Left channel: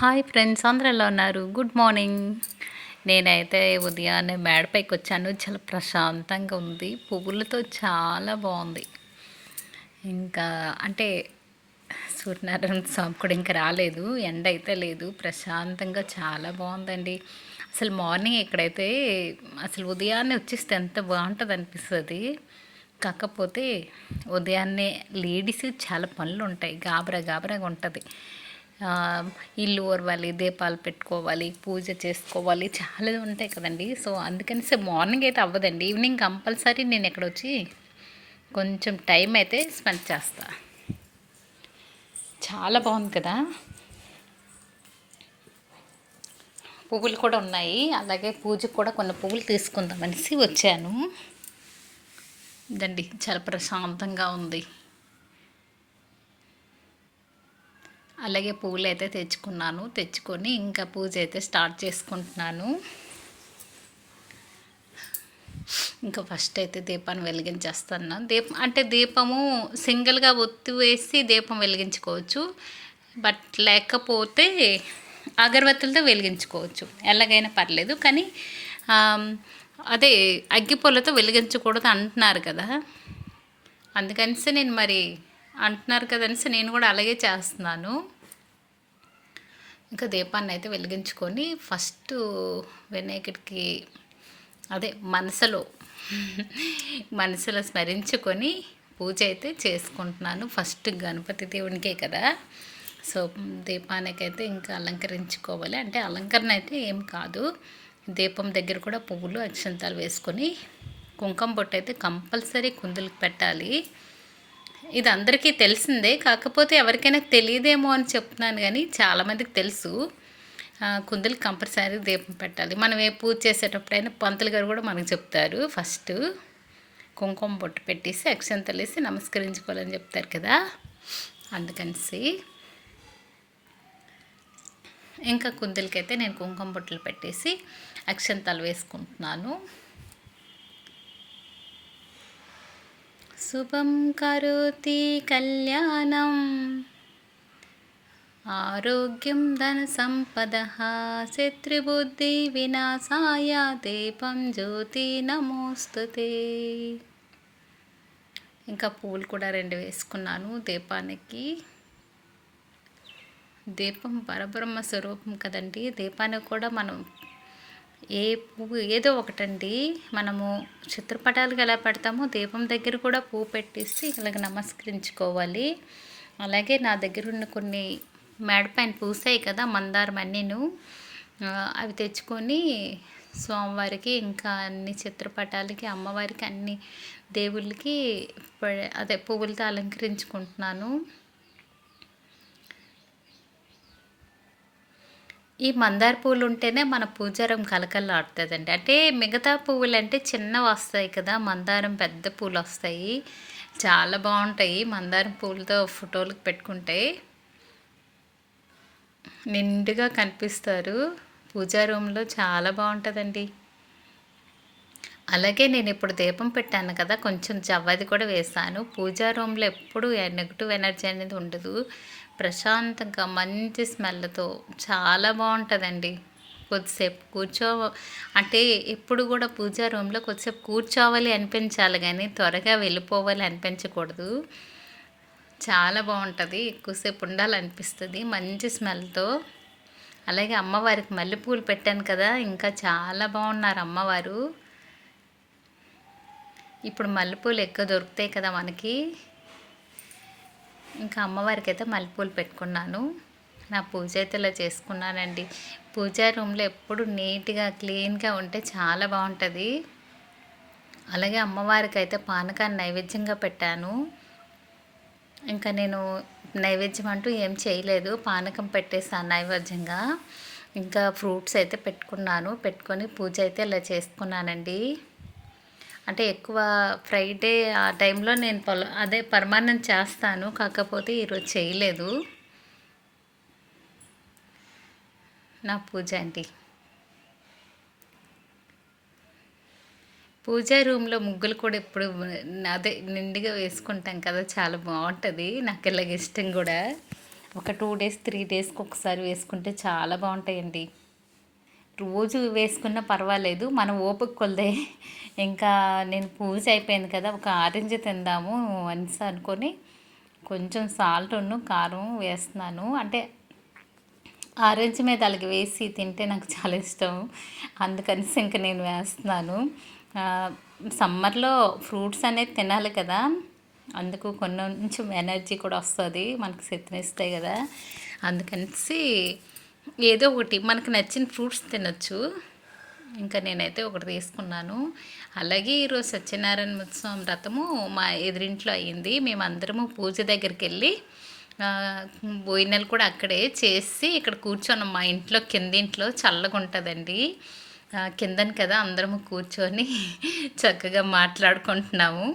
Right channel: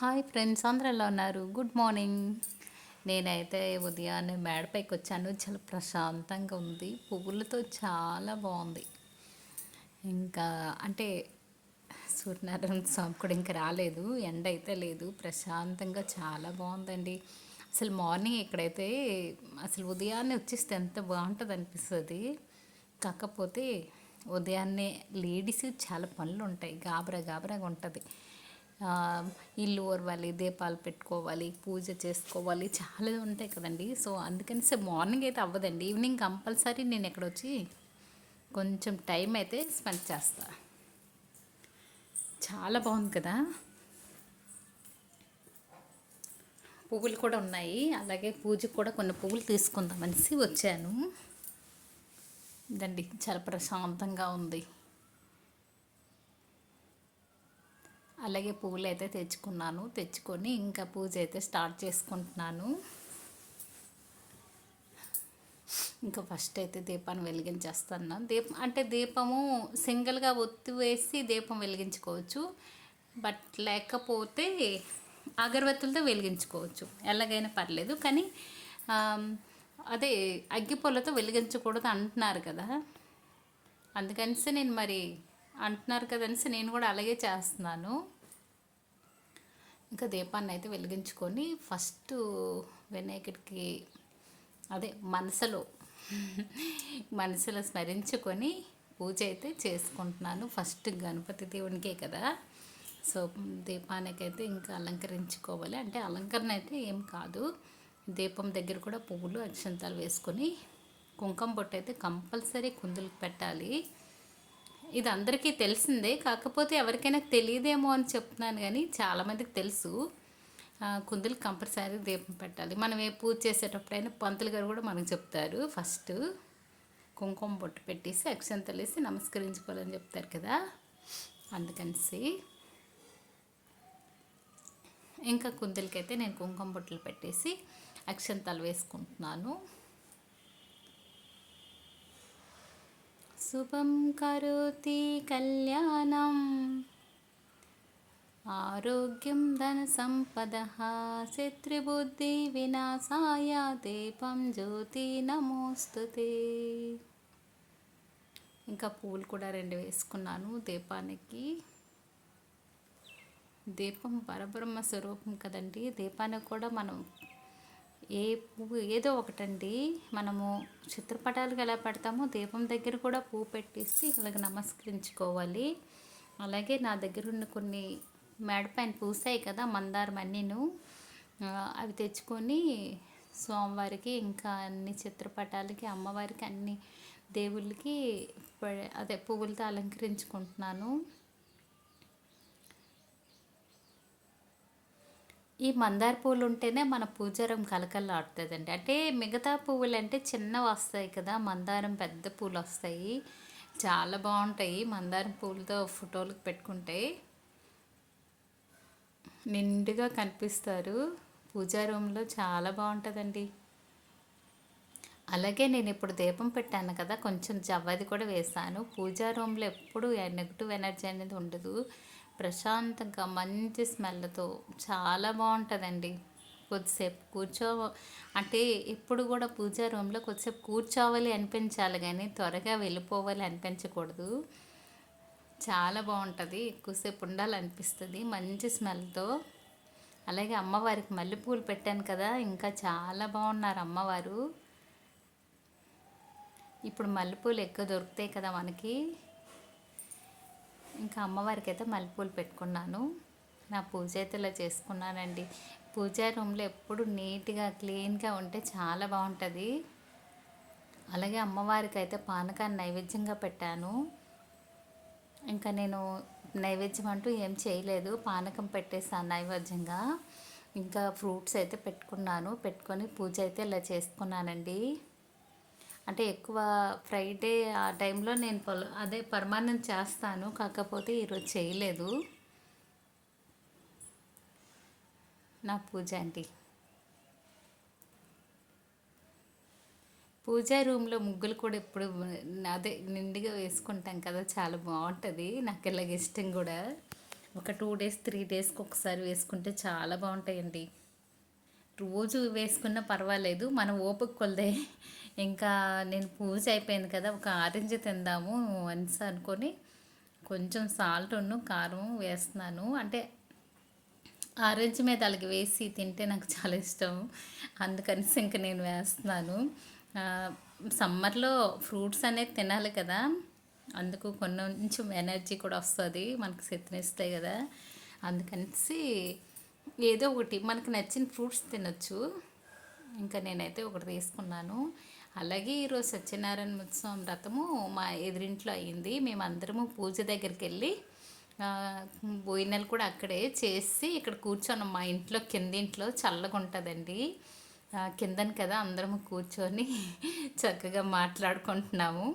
Hi friends అందరూ ఎలా ఉన్నారు? Good morning. నేనైతే ఉదయాన్నే మేడపైకి వచ్చాను. చాలా ప్రశాంతంగా ఉంది. పువ్వులతో చాలా బాగుంది. ఇంకా అంటే సూర్యనారాయణ స్వామి కూడా ఇంకా రాలేదు. ఎండ అయితే లేదు. ప్రశాంతంగా చాలా బాగుందండి. అసలు మార్నింగ్ ఇక్కడైతే అసలు ఉదయాన్నే వచ్చేస్తే ఎంత బాగుంటుంది అనిపిస్తుంది. కాకపోతే ఉదయాన్నే లేడీస్ చాలా పనులు ఉంటాయి. గాబరా గాబరాగా ఉంటుంది. ఇల్లు ఓరవాలి దీపాలు పెట్టుకోవాలి పూజ చేసుకోవాలి చాలా ఉంటాయి కదండి. సో అందుకని సో మార్నింగ్ అయితే అవ్వదండి. ఈవినింగ్ కంపల్సరీ నేను ఇక్కడ వచ్చి కొంచెం టైం అయితే స్పెండ్ చేస్తా. చాలా బాగుంది కదా. పువ్వులు కూడా ఉన్నాయి. అలాగే పూజకు కూడా కొన్ని పువ్వులు తీసుకుందాం అనేసి వచ్చాను. ఇదండి చాలా ప్రశాంతంగా ఉంది. అలాగే పూలు అయితే తెచ్చుకున్నాను. తెచ్చుకొని ఇంకా పూజ అయితే స్టార్ట్ చేసుకుంటున్నాను. ఇంకా ఫస్ట్ అయితే దీపాన్ని వెలిగించేస్తాను. దీపం అంటే దీపము సింగిల్గా ఒత్తి వేసి దీపం వెలిగించుకోవచ్చు. బట్ లేకపోతే అగరబత్తులతో వెలిగించుకోవచ్చు. ఎలాగైనా పర్లేదు. కానీ అదే అగ్గిపూలతో వెలిగించకూడదు అంటున్నారు కదా. అందుకనిసి నేను మరి అంటున్నారు కదనేసి నేను కూడా అలాగే చేస్తున్నాను. ఇంకా దీపాన్ని అయితే వెలిగించుకొని ఫస్ట్ వినాయకుడికి అదే మనసులో మనసులో స్మరించుకొని పూజ అయితే చేసుకుంటున్నాను. ఫస్ట్ గణపతి దేవునికే కదా. సో దీపానికైతే ఇంకా అలంకరించుకోవాలి. అంటే అలంకరణ అయితే ఏం కాదు. దీపం దగ్గర కూడా పువ్వులు అక్షంతాలు వేసుకొని కుంకుమ బొట్టు అయితే కంపల్సరీ కుందులకు పెట్టాలి. ఇది అందరికీ తెలిసిందే. కాకపోతే ఎవరికైనా తెలియదేమో అని చెప్తున్నాను కానీ చాలామందికి తెలుసు. ఆ, కుందులు కంపల్సరీ దీపం పెట్టాలి. మనం ఏ పూజ చేసేటప్పుడైనా పంతులు గారు కూడా మనకు చెప్తారు. ఫస్ట్ కుంకుమ బొట్టు పెట్టేసి అక్షంతలు వేసి నమస్కరించుకోవాలని చెప్తారు కదా. అందుకనిసి ఇంకా కుందులకైతే నేను కుంకుమ బొట్టలు పెట్టేసి అక్షంతాలు వేసుకుంటున్నాను. శుభం కరోతి కళ్యాణం. ఆరోగ్యం ధన సంపద శత్రుబుద్ధి వినాశాయ దీపం జ్యోతి నమోస్తుతే. ఇంకా పూలు కూడా రెండు వేసుకున్నాను దీపానికి. దీపం పరబ్రహ్మ స్వరూపం కదండి దీపానికి కూడా మనం ఏ పువ్వు ఏదో ఒకటండి. మనము చిత్రపటాలకు ఎలా పెడతామో దీపం దగ్గర కూడా పువ్వు పెట్టేసి ఇలాగ నమస్కరించుకోవాలి. అలాగే నా దగ్గర ఉన్న కొన్ని మేడపైన పూసాయి కదా మందారం అన్నీను. అవి తెచ్చుకొని స్వామివారికి ఇంకా అన్ని చిత్రపటాలకి అమ్మవారికి అన్ని దేవుళ్ళకి ప- అదే పువ్వులతో అలంకరించుకుంటున్నాను. ఈ మందార పువ్వులు ఉంటేనే మన పూజారం కలకల్లాడుతుందండి అంటే మిగతా పువ్వులు అంటే చిన్నవి వస్తాయి కదా మందారం పెద్ద పూలు వస్తాయి చాలా బాగుంటాయి మందారం పూలతో ఫోటోలకు పెట్టుకుంటే. నిండుగా కనిపిస్తారు. పూజా రూమ్లో చాలా బాగుంటుందండి. అలాగే నేను ఇప్పుడు దీపం పెట్టాను కదా కొంచెం జవ్వది కూడా వేసాను. పూజా రూమ్లో ఎప్పుడు నెగిటివ్ ఎనర్జీ అనేది ఉండదు. ప్రశాంతంగా మంచి స్మెల్తో చాలా బాగుంటుందండి. కొద్దిసేపు కూర్చో అంటే ఎప్పుడు కూడా పూజా రూమ్లో కొద్దిసేపు కూర్చోవాలి అనిపించాలి కానీ త్వరగా వెళ్ళిపోవాలి అనిపించకూడదు. చాలా బాగుంటుంది ఎక్కువసేపు ఉండాలనిపిస్తుంది మంచి స్మెల్తో. అలాగే అమ్మవారికి మల్లెపూలు పెట్టాను కదా ఇంకా చాలా బాగున్నారు అమ్మవారు. ఇప్పుడు మల్లెపూలు ఎక్కువ దొరుకుతాయి కదా మనకి. ఇంకా అమ్మవారికి అయితే మల్లెపూలు పెట్టుకున్నాను. నా పూజ అయితే ఇలా చేసుకున్నానండి. పూజా రూమ్లో ఎప్పుడు నీట్గా క్లీన్గా ఉంటే చాలా బాగుంటుంది. అలాగే అమ్మవారికి అయితే పానకాన్ని నైవేద్యంగా పెట్టాను. ఇంకా నేను నైవేద్యం అంటూ ఏం చేయలేదు. పానకం పెట్టేసాను నైవేద్యంగా. ఇంకా ఫ్రూట్స్ అయితే పెట్టుకున్నాను. పెట్టుకొని పూజ అయితే ఇలా చేసుకున్నానండి. అంటే ఎక్కువ ఫ్రైడే ఆ టైంలో నేను పొల అదే పరమాన్నం చేస్తాను. కాకపోతే ఈరోజు చేయలేదు. నా పూజ అండి. పూజా రూమ్లో ముగ్గులు కూడా ఎప్పుడు అదే నిండుగా వేసుకుంటాం కదా చాలా బాగుంటుంది. నాకు ఇలాగ ఇష్టం కూడా. ఒక టూ డేస్ త్రీ డేస్కి ఒకసారి వేసుకుంటే చాలా బాగుంటాయండి. రోజు వేసుకున్నా పర్వాలేదు. మన ఓపిక కొలదే. ఇంకా నేను పూజ అయిపోయింది కదా ఒక ఆరెంజ్ తిందాము అనేసి అనుకొని కొంచెం సాల్ట్ ఉండు కారం వేస్తున్నాను. అంటే ఆరెంజ్ మీద అలాగే వేసి తింటే నాకు చాలా ఇష్టం. అందుకనేసి ఇంకా నేను వేస్తున్నాను. సమ్మర్లో ఫ్రూట్స్ అనేది తినాలి కదా అందుకు కొంచెం ఎనర్జీ కూడా వస్తుంది మనకి శక్తినిస్తాయి కదా. అందుకనేసి ఏదో ఒకటి మనకు నచ్చిన ఫ్రూట్స్ తినొచ్చు. ఇంకా నేనైతే ఒకటి తీసుకున్నాను. అలాగే ఈరోజు సత్యనారాయణ ఉత్సవం వ్రతము మా ఎదురింట్లో అయ్యింది. మేమందరము పూజ దగ్గరికి వెళ్ళి ఆ, కూడా అక్కడే చేసి ఇక్కడ కూర్చొని మా ఇంట్లో కింద ఇంట్లో చల్లగా ఉంటుందండి కిందని కదా అందరము కూర్చొని చక్కగా మాట్లాడుకుంటున్నాము.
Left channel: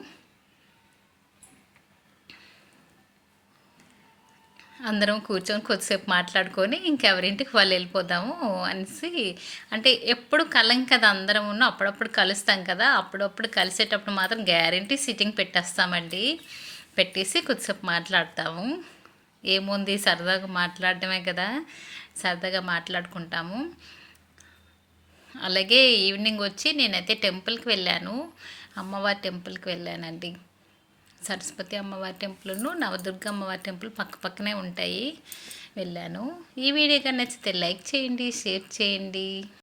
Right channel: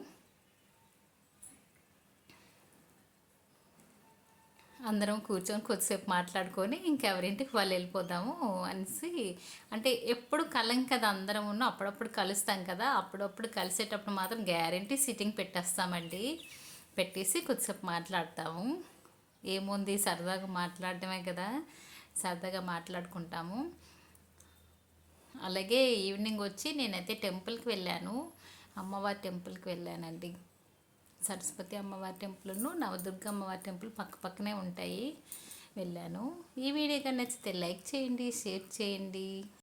అందరం కూర్చొని కొద్దిసేపు మాట్లాడుకొని ఇంకెవరింటికి వాళ్ళు వెళ్ళిపోదాము అనేసి అంటే ఎప్పుడు కలం కదా అందరం ఉన్న అప్పుడప్పుడు కలుస్తాం కదా అప్పుడప్పుడు కలిసేటప్పుడు మాత్రం గ్యారంటీ సిట్టింగ్ పెట్టేస్తామండి. పెట్టేసి కొద్దిసేపు మాట్లాడతాము. ఏముంది? సరదాగా మాట్లాడటమే కదా సరదాగా మాట్లాడుకుంటాము. అలాగే ఈవినింగ్ వచ్చి నేనైతే టెంపుల్కి వెళ్ళాను. అమ్మవారి టెంపుల్కి వెళ్ళానండి. సరస్వతి అమ్మవారి టెంపుల్ను నవదుర్గ అమ్మవారి టెంపుల్ పక్క పక్కనే ఉంటాయి. వెళ్ళాను. ఈ వీడియో కానీ నచ్చితే లైక్ చేయండి షేర్ చేయండి.